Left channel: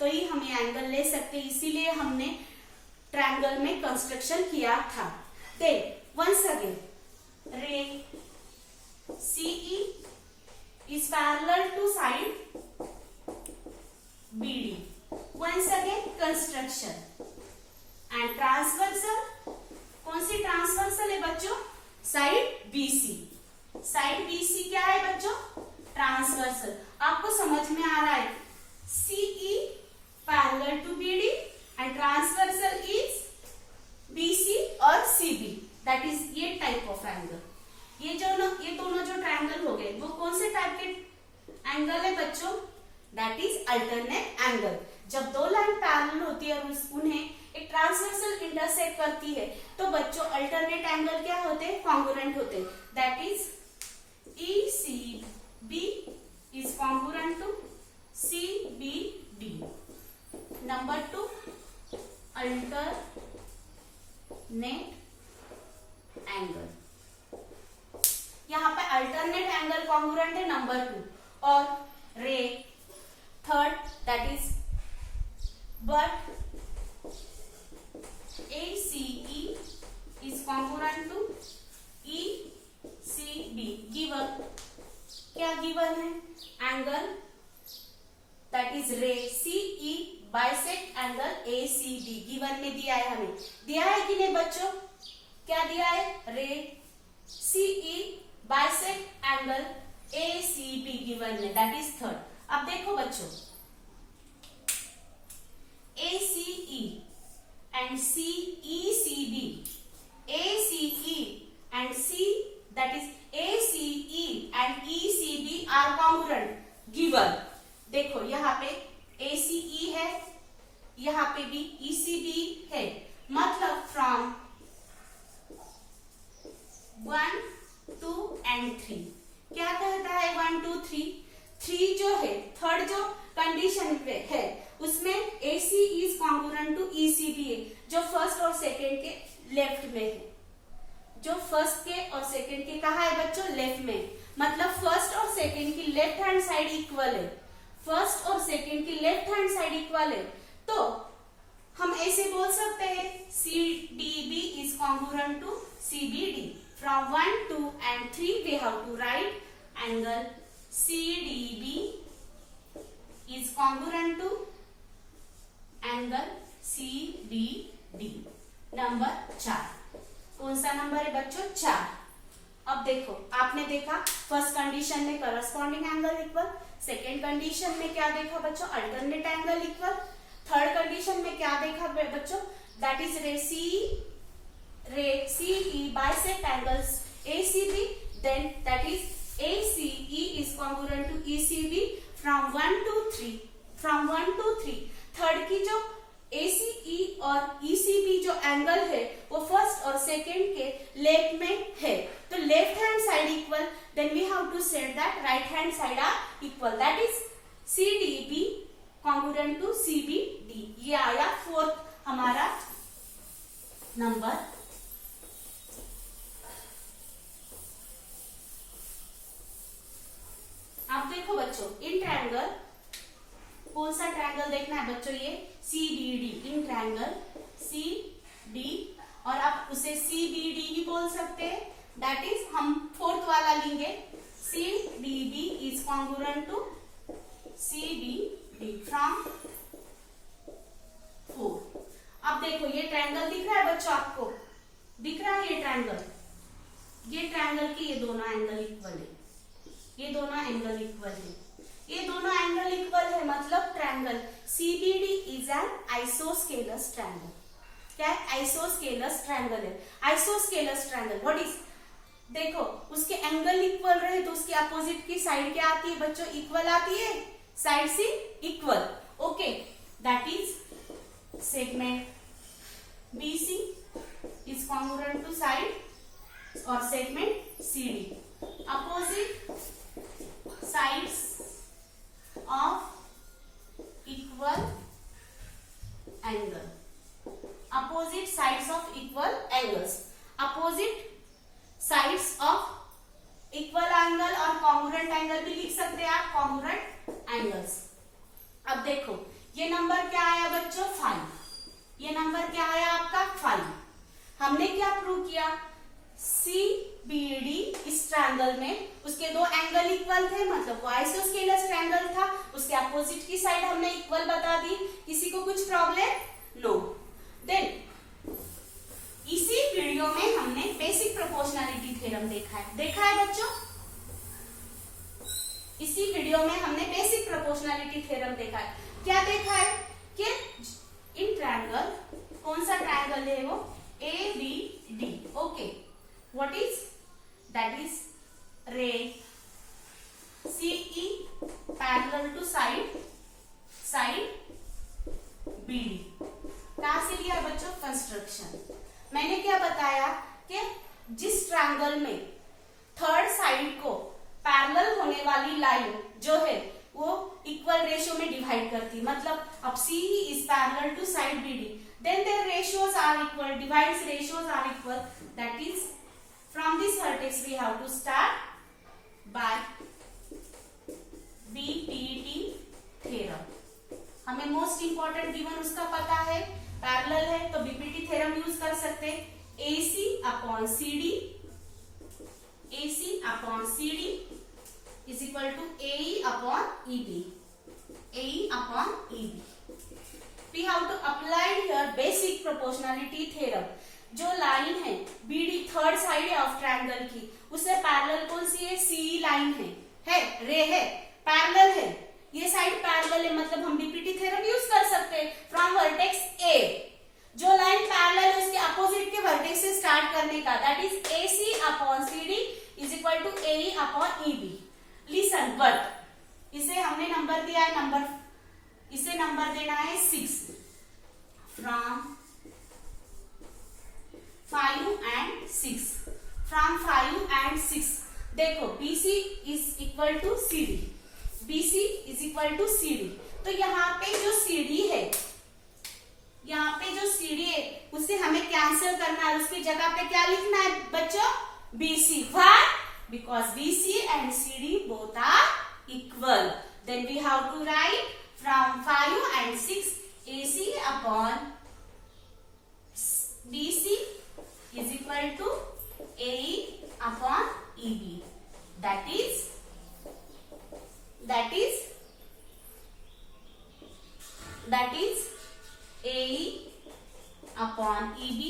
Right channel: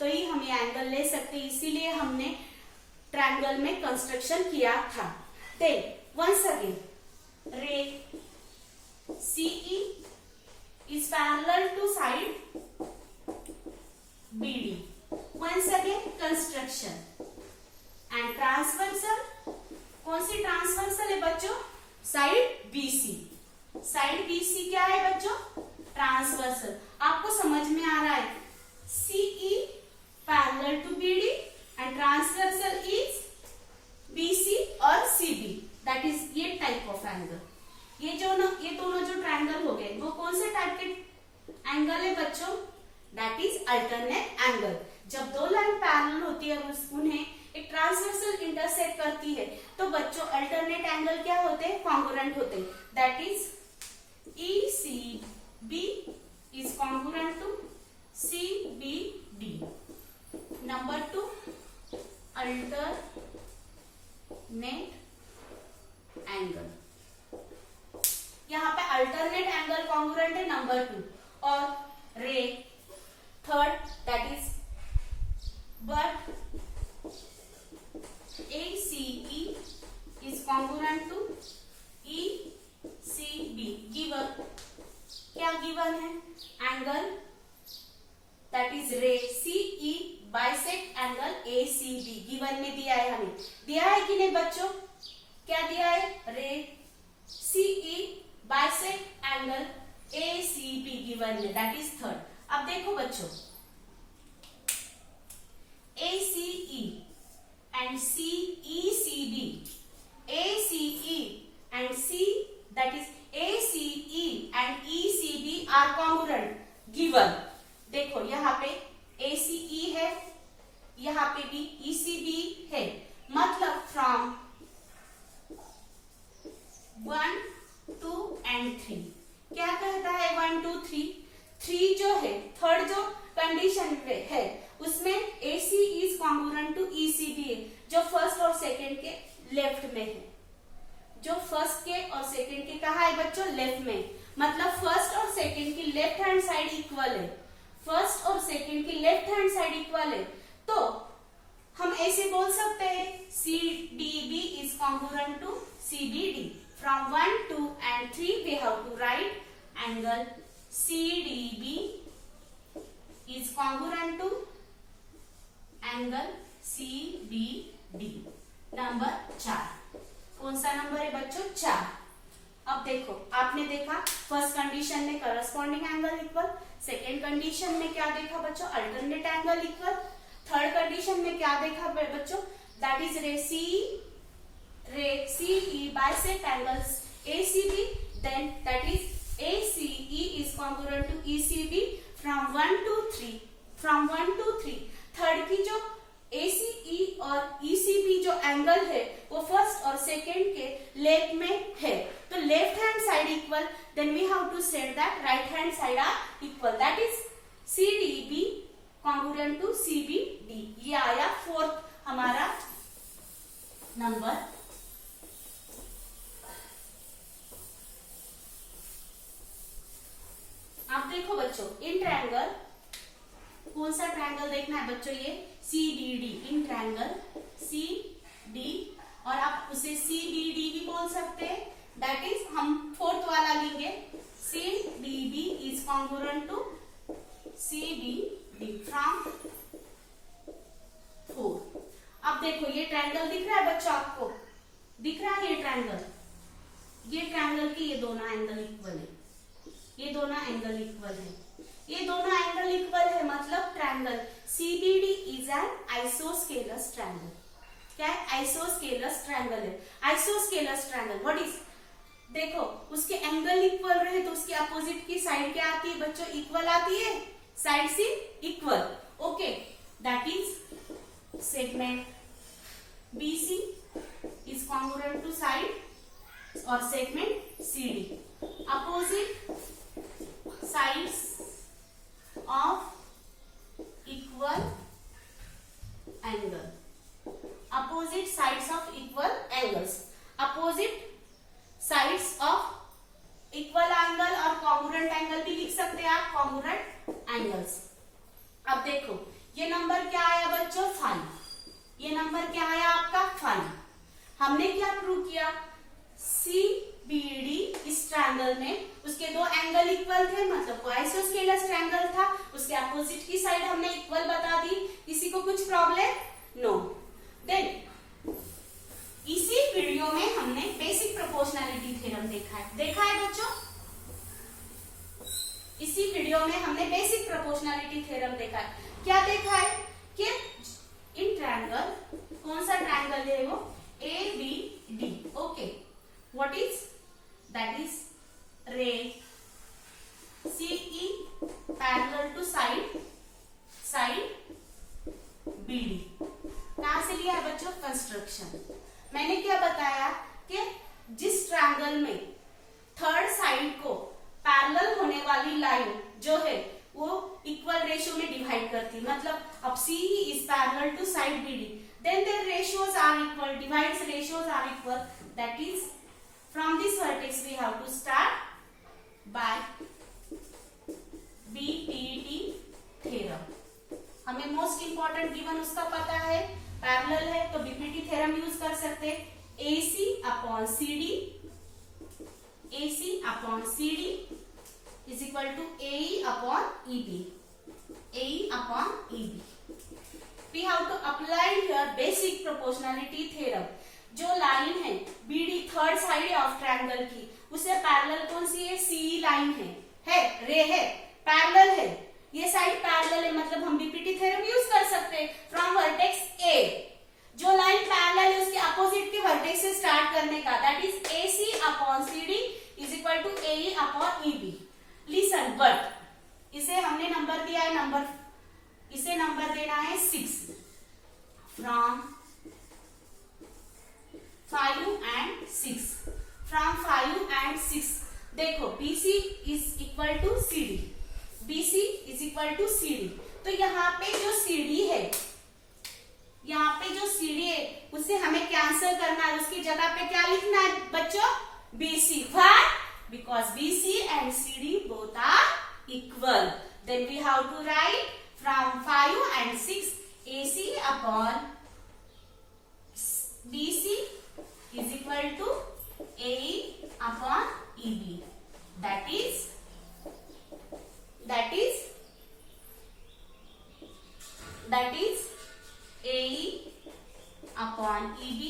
तो ही हम ये एंगल ले सकते हैं, इसीलिए हमने ट्रायंगल में कंस्ट्रक्शन किया था। देन वंस अगेन रे CE is parallel to side BD. Once again construction and transversal, कौन सी ट्रांसवर्सल है बच्चों? Side BC। साइड BC क्या है बच्चों? ट्रांसवर्सल। आपको समझ में आ रहा है? CE parallel to BD and transversal is BC और CB, that is ये टाइप ऑफ एंगल। ये दोनों जो ट्रायंगल हो गए वो कौन से टाइप के एंगल है बच्चों? That is alternate angle. जब दो लाइन पैरेलल होती है और उन्हें एक ट्रांसवर्सल इंटरसेक्ट करती है तो बच्चों अल्टरनेट एंगल क्या होते हैं? कॉन्ग्रुएंट होते हैं। That is ECB is congruent to CBD। Number 2 alternate angle. यहाँ पे अल्टरनेट एंगल कॉन्ग्रुएंट है नंबर 2 और ray third that is but ACE is congruent to ECB। Given क्या गिवन है? Angle that is ray CE bisect angle ACB given में दिया है। हमें दिया है कि नहीं बच्चों? क्या दिया है? रे CE bisect angle ACB given में, दैट इज थर्ड। अब देखो बच्चों ACE and CECB, ACE and C that is ACE and ECB are congruent given। देखो यहाँ पे ACE है, यहाँ पे भी ECB है, मतलब फ्रॉम 1 2 and 3 क्या कहता है? 1 2 3। 3 जो है थर्ड जो कंडीशन पे है उसमें AC is congruent to ECB है, जो फर्स्ट और सेकंड के लेफ्ट में है। जो फर्स्ट के और सेकंड के कहा है बच्चों? लेफ्ट में। मतलब फर्स्ट और सेकंड की लेफ्ट हैंड साइड इक्वल है। फर्स्ट और सेकंड की लेफ्ट हैंड साइड इक्वल है तो हम ऐसे बोल सकते हैं CDB is congruent to CBD। From 1 2 and 3 we have to write angle CDB is congruent to angle CBD। Number 4 कौन सा नंबर है बच्चों? 4। अब देखो आपने देखा फर्स्ट कंडीशन में corresponding angle equal, second condition में क्या देखा बच्चों? Alternate angle equal, third condition में क्या देखा बच्चों? That is ray CE bisect angles ACB, then that is ACE is congruent to ECB from 1 to 3। from 1 to 3 third की जो ACE और ECB जो एंगल है वो फर्स्ट और सेकेंड के लेफ्ट में है, तो left hand side equal, then we have to set that right hand side are equal, that is CDB congruent to CBD। ये आया फोर्थ हमारा नंबर। अब देखो बच्चों इन ट्रायंगल कौन सा ट्रायंगल देखना है बच्चों? ये CBD। इन ट्रायंगल CD और आप उसे CBD भी बोल सकते हैं, दैट इज हम फोर्थ वाला लेंगे CDB is congruent to CBD from 4। अब देखो ये ट्रायंगल दिख रहा है बच्चों? आपको दिख रहा है ये ट्रायंगल? ये ट्रायंगल के ये दोनों एंगल इक्वल है, ये दोनों एंगल इक्वल है, ये दोनों एंगल इक्वल है, मतलब triangle CBD is an isosceles triangle. क्या है? आइसोस्केलस ट्रायंगल है। Isosceles triangle what is? देखो उसके एंगल इक्वल रहे तो उसके अपोजिट की साइड क्या आती है बच्चों? इक्वल आती है, साइड से equal. Okay, that is segment BC is congruent to side और segment CD। Opposite sides of equal angle, opposite sides of equal angles, opposite sides of equal angle और congruent angle भी लिख सकते हैं आप, congruent angles। अब देखो ये नंबर क्या आया बच्चों 5, ये नंबर क्या आया आपका 5। हमने क्या प्रूव किया, CBD इस ट्रायंगल में उसके दो एंगल इक्वल थे, मतलब वो आइसोस्केलस ट्रायंगल था, उसके अपोजिट की साइड हमने इक्वल बता दी। किसी को कुछ प्रॉब्लम? नो। देन इसी वीडियो में हमने बेसिक प्रोपोर्शनैलिटी थ्योरम देखा है बच्चों। इसी वीडियो में हमने बेसिक प्रोपोर्शनैलिटी थ्योरम देखा है। क्या देखा है कि इन ट्रायंगल, कौन सा ट्रायंगल है वो, ABD। Okay, what is that is ray CE parallel to side BD। कहां से लिया बच्चों, कंस्ट्रक्शन। मैंने क्या बताया कि जिस ट्रायंगल में थर्ड साइड को पैरेलल होने वाली लाइन जो है वो इक्वल रेशियो में डिवाइड करती, मतलब अब CE is parallel to side BD, then their ratios are equal, divides ratios are equal, that is from this vertex we have to start by BPT theorem. हमें most important given उसका पता है, parallel है तो BPT theorem use कर सकते हैं। AC upon CD is equal to AE upon EB. We have to apply here basic proportionality theorem। जो लाइन है BD third side of triangle की, उसे पैरेलल कौन सी है, CE लाइन है रे है, पैरेलल है, ये साइड पैरेलल है, मतलब हम BPT थ्योरम यूज कर सकते हैं। फ्रॉम वर्टेक्स A, जो लाइन पैरेलल है उसके अपोजिट के वर्टेक्स से स्टार्ट करने का, that is AC upon CD is equal to AE upon EB। Listen, but इसे हमने नंबर दिया है, इसे नंबर देना है 6 फ्रॉम 5 and 6। देखो BC is equal to CD, तो यहाँ पे जो CD है, उसे हमें कैंसिल करना है, उसकी जगह पे क्या लिखना है बच्चों, BC। Why? Because BC and CD both are equal. Then we have to write from 5 and 6 AC upon BC is equal to AE upon EB. That is AE upon EB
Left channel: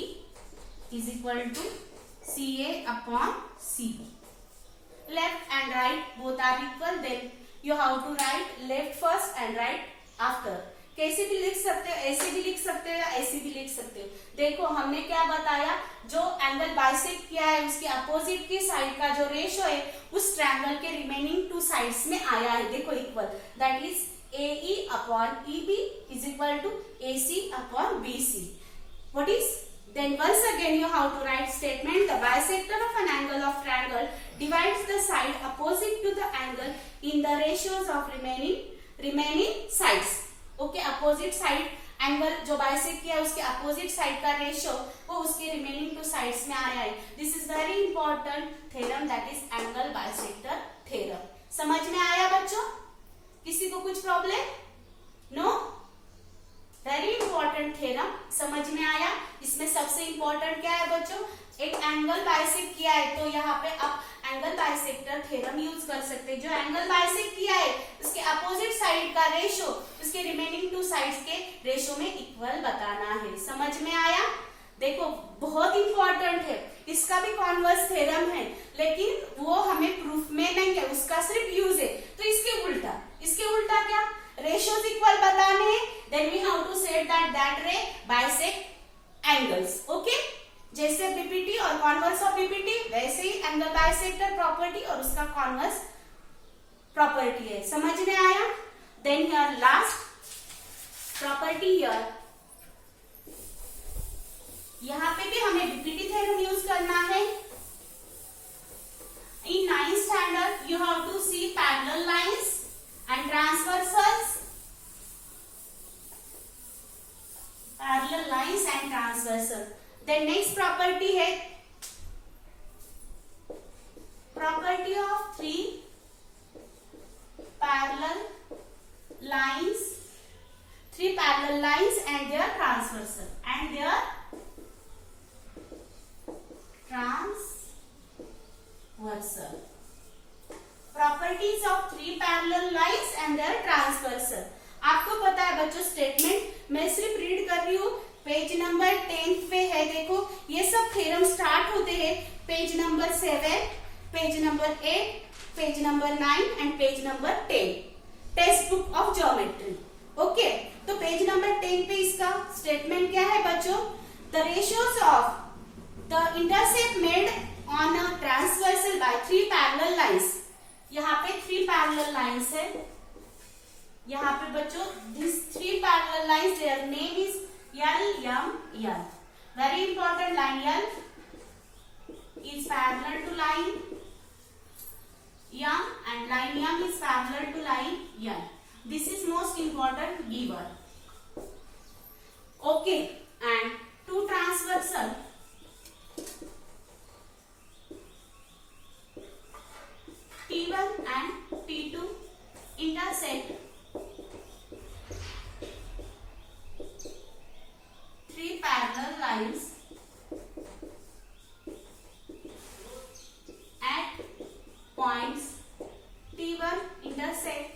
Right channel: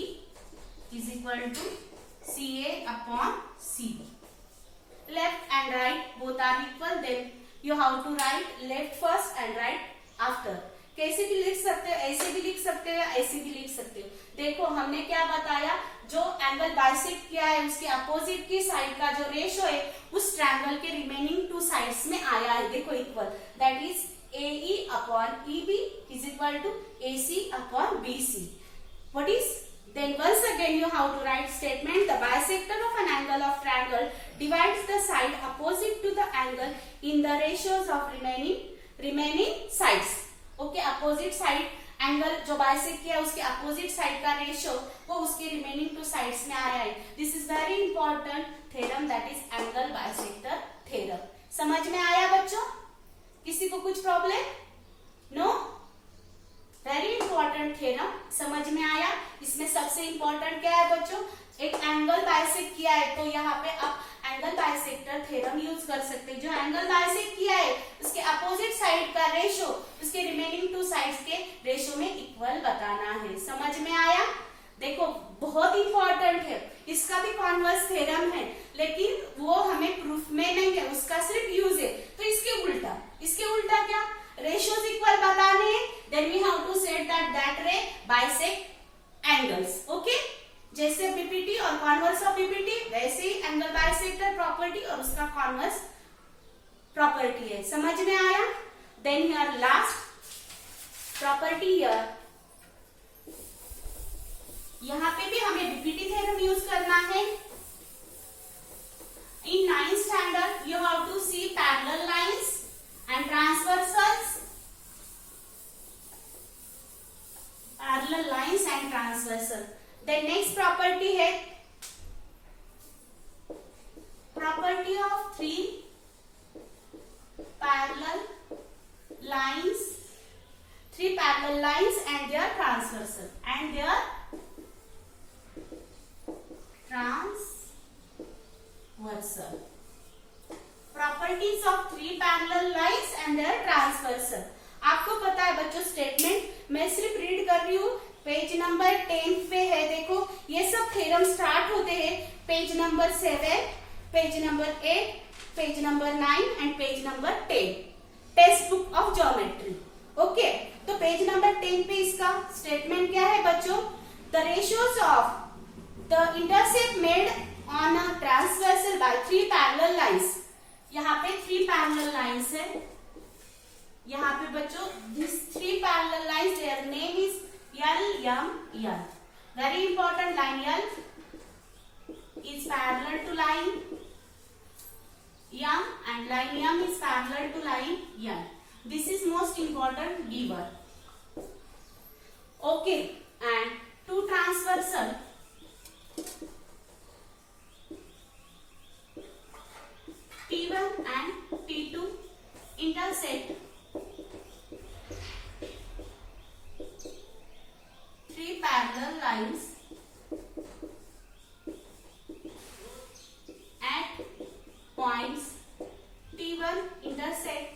is equal to CA upon CB. Left and right both are equal, then you have to write left first and right after। कैसे भी लिख सकते हो, ऐसे भी लिख सकते हो, ऐसे भी लिख सकते हो। देखो हमने क्या बताया, जो एंगल बाइसेक्ट किया है उसके अपोजिट की साइड का जो रेशियो है उस ट्रायंगल के रिमेनिंग टू साइड्स में आया है, देखो equal, that is AE upon EB is equal to AC upon BC। What is? Then once again you have to write statement, the bisector of an angle of triangle divides the side opposite to the angle in the ratios of remaining sides। Okay, opposite side angle जो bisect किया उसके opposite side का ratio वो उसके remaining two sides में आया है। This is very important theorem, that is angle bisector theorem. समझ में आया बच्चों? किसी को कुछ problem? No? Very important theorem, समझ में आया? इसमें सबसे इंपॉर्टेंट क्या है बच्चों, एक एंगल बाइसेक्ट किया है तो यहाँ पे आप एंगल बाइसेक्टर थ्योरम यूज कर सकते हैं। जो एंगल बाइसेक्ट किया है उसके अपोजिट साइड का रेशियो उसके रिमेनिंग टू साइड्स के रेशियो में इक्वल बताना है। समझ में आया? देखो बहुत इंपॉर्टेंट है, इसका भी कॉन्वर्स थ्योरम है लेकिन वो हमें प्रूफ में नहीं है, उसका सिर्फ यूज है। तो इसके उल्टा क्या, रेशियोज इक्वल बताने हैं, then we have to set that ray bisect angles. Okay, जैसे बीपीटी और कॉन्वर्स ऑफ बीपीटी वैसे ही एंगल बाइसेक्टर प्रॉपर्टी और उसका कॉन्वर्स प्रॉपर्टी है। समझ में आया? Then here last property here, यहां पे भी हमें बीपीटी थ्योरम यूज करना है। In 9th standard you have to see parallel lines and transversals, parallel lines and transversal. The next property है property of three parallel lines three parallel lines and their transversal properties of three parallel lines and their transversal. आपको पता है बच्चों statement, मैं सिर्फ read कर रही हूँ, पेज नंबर 10 पे है। देखो ये सब थ्योरम स्टार्ट होते हैं page number 7, page number 8, page number 9 and page number 10, text book of geometry. Okay, तो पेज नंबर 10 पे इसका स्टेटमेंट क्या है बच्चों? The ratios of the intercept made on a transversal by three parallel lines. यहाँ पे थ्री पैरेलल लाइंस है, यहाँ पे बच्चों this three parallel lines, their name is L, M, L. Very important, line L is parallel to line M and line M is parallel to line N. This is most important given. Okay, and two transversal T1 and T2 intersect three parallel lines at points T1 intersect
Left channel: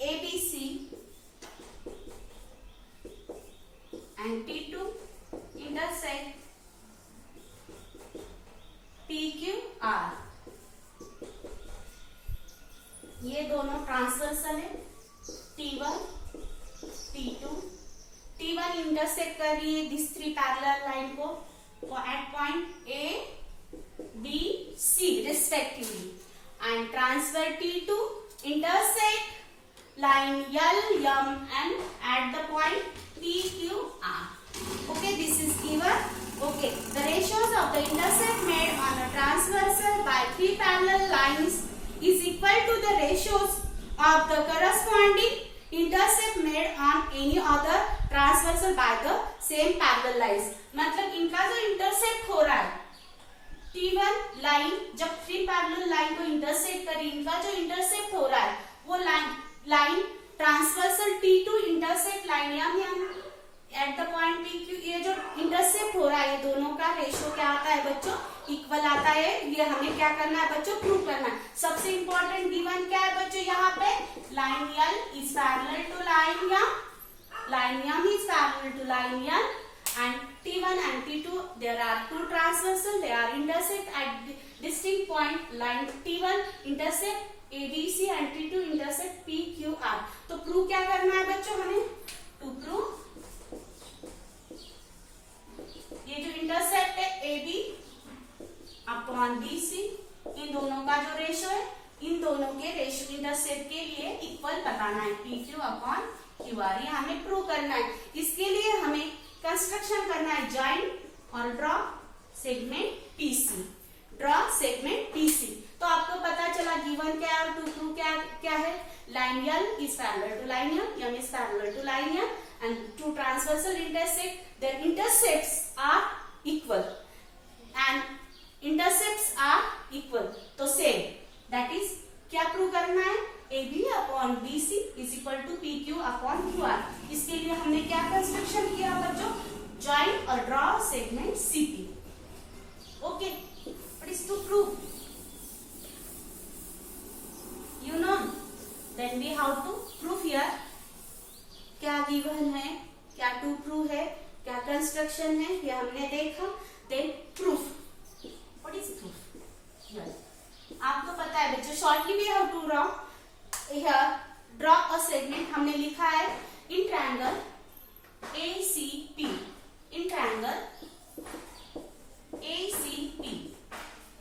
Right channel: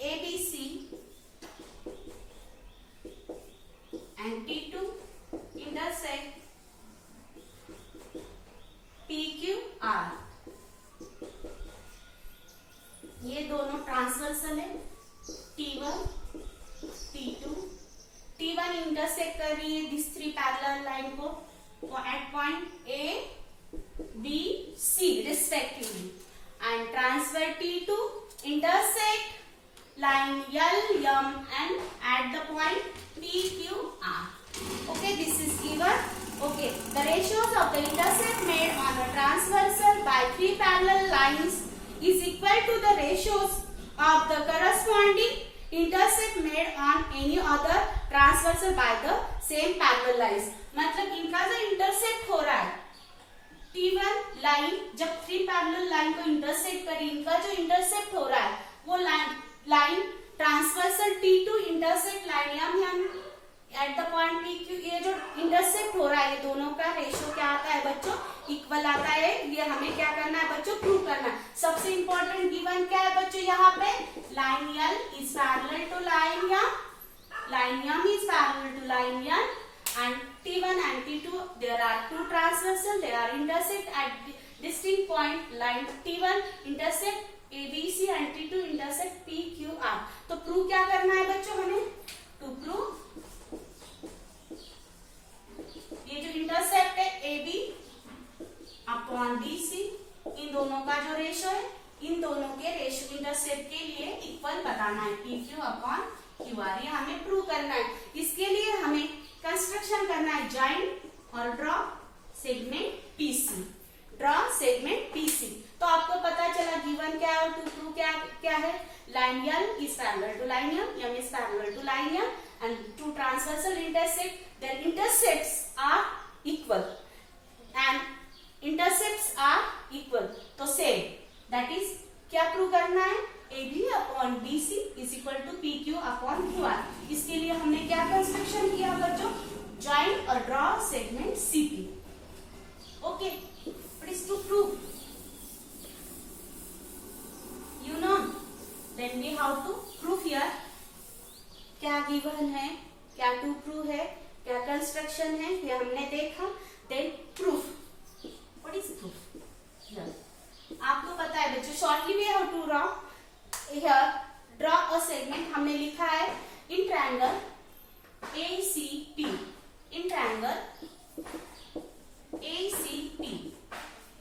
ABC and T2 intersect PQR। ये दोनों transversal है, T1 T2, T1 intersect कर रही है this three parallel line को at point A B C respectively, and transfer T2 intersect line L M and at the point PQR. Okay, this is given. Okay, the ratios of the intercept made on a transversal by three parallel lines is equal to the ratios of the corresponding intercept made on any other transversal by the same parallel lines। मतलब इनका जो intercept हो रहा है T1 line जब three parallel line को intersect करी, इनका जो इंटरसेप्ट हो रहा है वो line transversal T2 intersect line M at the point PQ। ये जो इंटरसेप्ट हो रहा है ये दोनों का रेशियो क्या आता है बच्चों? इक्वल आता है। ये हमें क्या करना है बच्चों? प्रूव करना है। सबसे इंपॉर्टेंट गिवन क्या है बच्चों? यहाँ पे line L is parallel to line M is parallel to line N and T1 and T2 there are two transversal, they are intersect at distinct point, line T1 intersect ABC and T2 intersect PQR। तो prove क्या करना है बच्चों हमें? To prove ये जो intercept है AB upon BC, इन दोनों का जो रेशियो है, इन दोनों के रेशियो इंटरसेप्ट के लिए इक्वल बताना है PQ अपॉन QR। ये हमें प्रूव करना है। इसके लिए हमें कंस्ट्रक्शन करना है जॉइंट और draw segment PC। Draw segment PC। तो आपको पता चला गिवन क्या है और टू प्रूव क्या है? Line L is parallel to line M is parallel to line M and two transversal intersect, their intercepts are equal and intercepts are equal। तो same, that is क्या प्रूव करना है? AB upon BC is equal to PQ upon QR। इसके लिए हमने क्या construction किया बच्चों? जॉइंट और draw segment CP। Okay, what is to prove? You know, then we have to prove here। क्या गिवन है, क्या टू प्रूव है, क्या कंस्ट्रक्शन है, ये हमने देखा। Then proof. What is proof? आपको पता है बच्चों, shortly we have to draw here, draw a segment. हमने लिखा है in triangle ACP, in triangle ACP,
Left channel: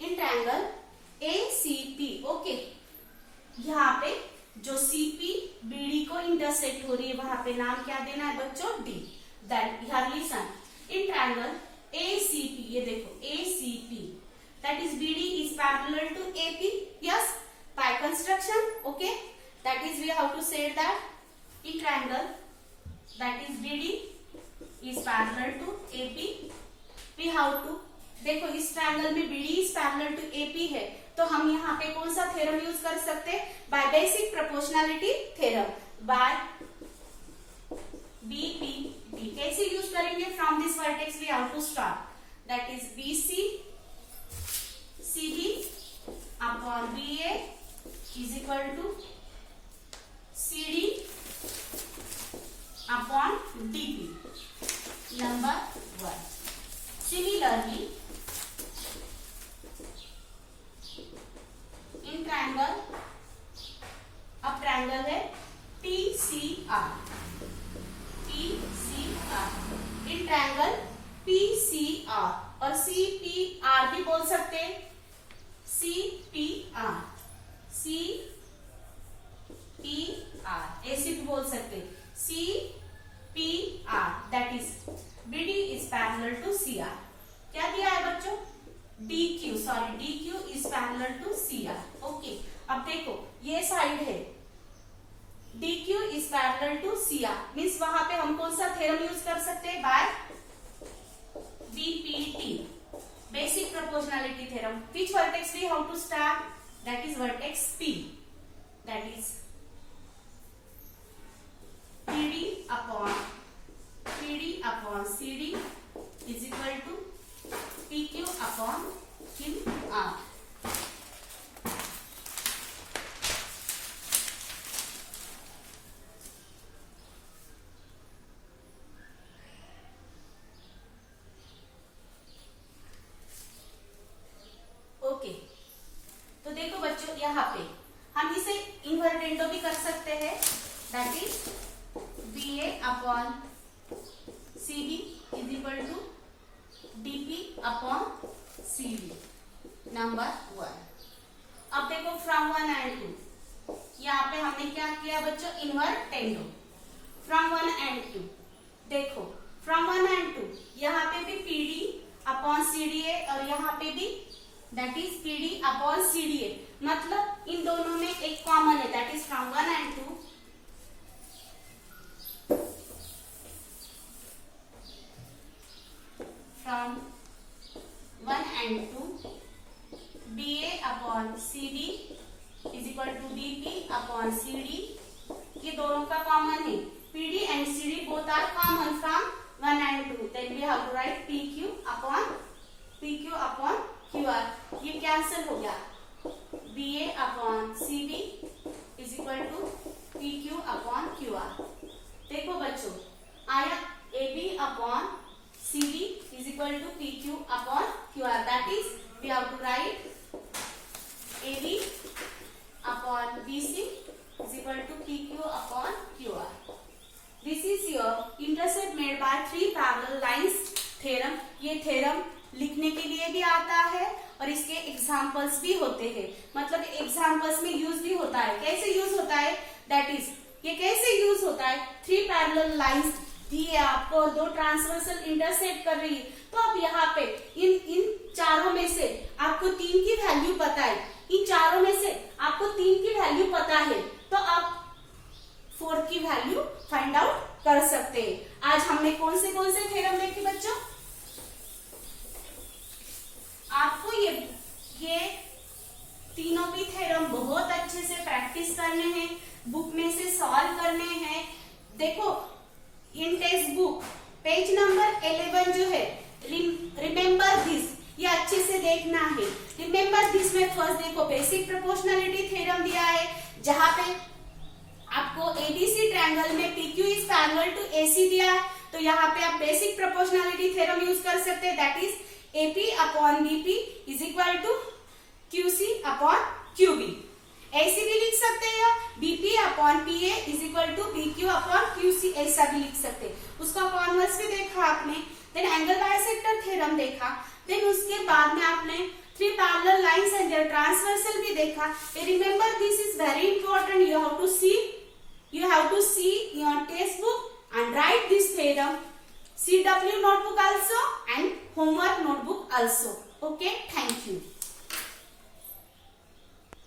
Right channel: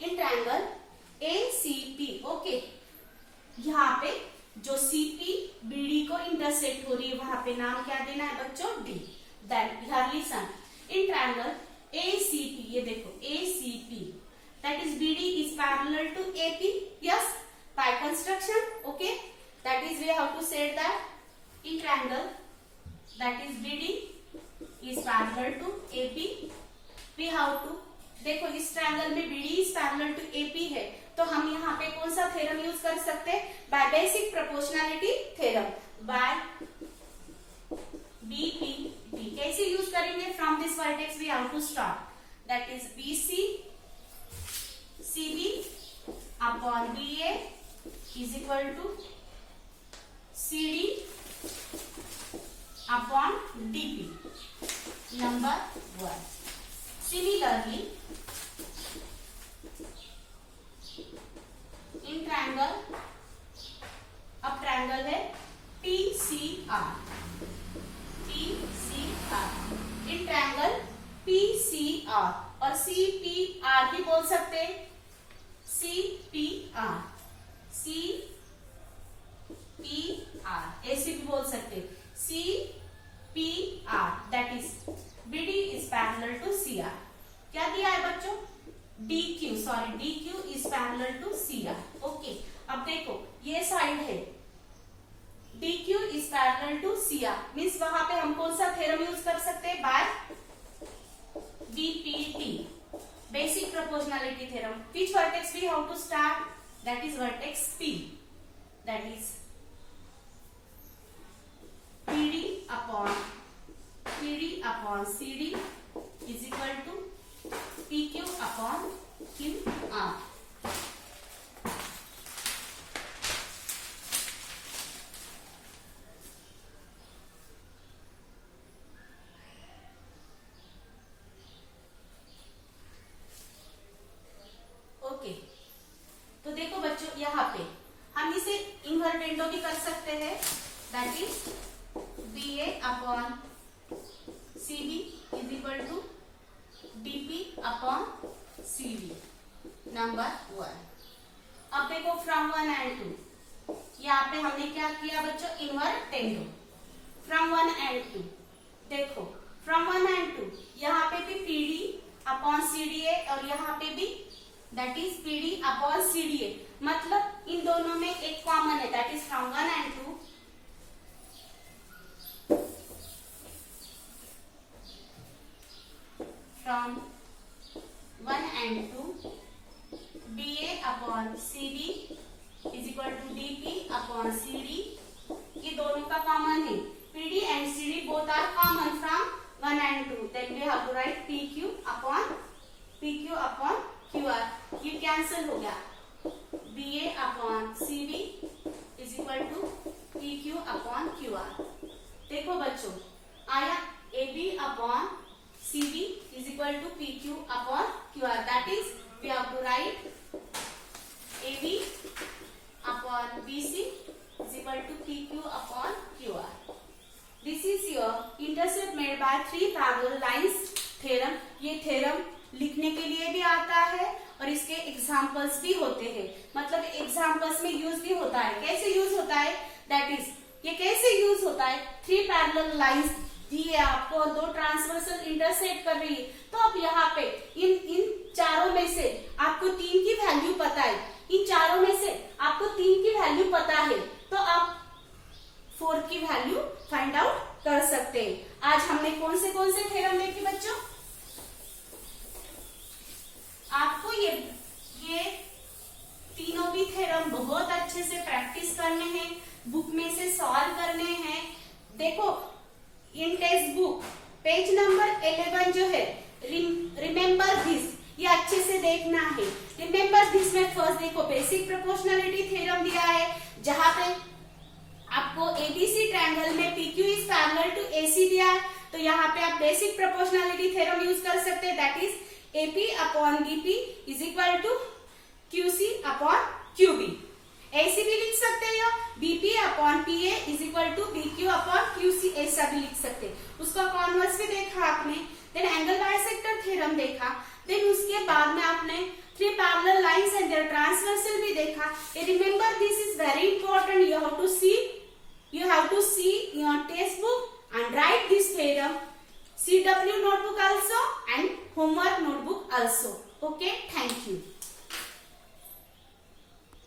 in triangle ACP। Okay, यहाँ पे जो CP BD को इंटरसेक्ट हो रही है वहां पे नाम क्या देना है बच्चों? D। Then here listen, in triangle ACP, ये देखो ACP, that is BD is parallel to AP। yes, by construction। okay, that is we have to say that in triangle that is BD is parallel to AP, we have to देखो इस triangle में BD is parallel to AP है, तो हम यहाँ पे कौन सा थ्योरम यूज कर सकते हैं? By basic proportionality theorem, by BPT। कैसे यूज करेंगे? From this vertex we have to start, that is BC CD upon BA is equal to CD upon DP, number 1। Similarly in triangle, अब triangle है PCR, in triangle PCR और CPR भी बोल सकते हैं, CPR ऐसे भी बोल सकते हैं, CPR, that is BD is parallel to CR। क्या दिया है बच्चों? DQ is parallel to CR। Okay, अब देखो ये साइड है, DQ is parallel to CR, means वहां पे हम कौन सा थ्योरम यूज कर सकते हैं? By BPT, basic proportionality theorem. Which vertex we have to start? That is vertex P, that is PD upon CD is equal to PQ upon QR। ओके, तो देखो बच्चों यहाँ पे हम इसे इन्वर्टेंडो भी कर सकते हैं, that is BA upon CD is equal to DP upon CD, number 1। अब देखो फ्रॉम 1 and 2, यहाँ पे हमने क्या किया बच्चों? इन्वर्टेंडो। फ्रॉम 1 and 2, देखो फ्रॉम 1 and 2 यहाँ पे भी PD अपॉन CD है और यहाँ पे भी that is PD upon CD है, मतलब इन दोनों में एक कॉमन है, that is from 1 and 2 from 1 and 2 BA upon CD is equal to DP upon CD, ये दोनों का कॉमन है, PD and CD both are common from 1 and 2, then we have to write PQ upon QR, ये cancel हो गया, BA upon CB is equal to PQ upon QR। देखो बच्चों आया AB upon CD is equal to PQ upon QR, that is we have to write AB upon BC is equal to PQ upon QR। This is your intercept made by three parallel lines theorem। ये theorem लिखने के लिए भी आता है और इसके examples भी होते हैं, मतलब एग्जाम्पल्स में यूज भी होता है। कैसे यूज होता है? दैट इज ये कैसे यूज होता है? थ्री पैरेलल लाइंस दी है आपको और दो ट्रांसवर्सल इंटरसेक्ट कर रही है, तो अब यहाँ पे इन चारों में से आपको 3 की वैल्यू पता है, इन चारों में से आपको 3 की वैल्यू पता है, तो आप 4 की वैल्यू फाइंड आउट कर सकते हैं। आज हमने कौन से थ्योरम देखे बच्चों? आपको ये तीनों भी थ्योरम बहुत अच्छे से प्रैक्टिस करने हैं, बुक में से सॉल्व करने हैं। देखो इन टेक्स्ट बुक पेज नंबर 11 जो है रिमेम्बर दिस, ये अच्छे से देखना है। रिमेम्बर दिस में फर्स्ट देखो बेसिक प्रोपोर्शनैलिटी थ्योरम दिया है, जहां पे आपको एबीसी ट्रायंगल में PQ is parallel to AC दिया है, तो यहाँ पे आप बेसिक प्रोपोर्शनैलिटी थ्योरम यूज कर सकते हैं, that is AP upon BP is equal to QC upon QB। ऐसे भी लिख सकते हैं, BP upon PA is equal to BQ upon QC, ऐसा भी लिख सकते हैं। उसका कॉन्वर्स भी देखा आपने, देन एंगल बाइसेक्टर थ्योरम देखा, देन उसके बाद में आपने three parallel lines and their transversal भी देखा। Remember this is very important, you have to see your textbook and write this theorem, CW notebook also and homework notebook also. Okay, thank you.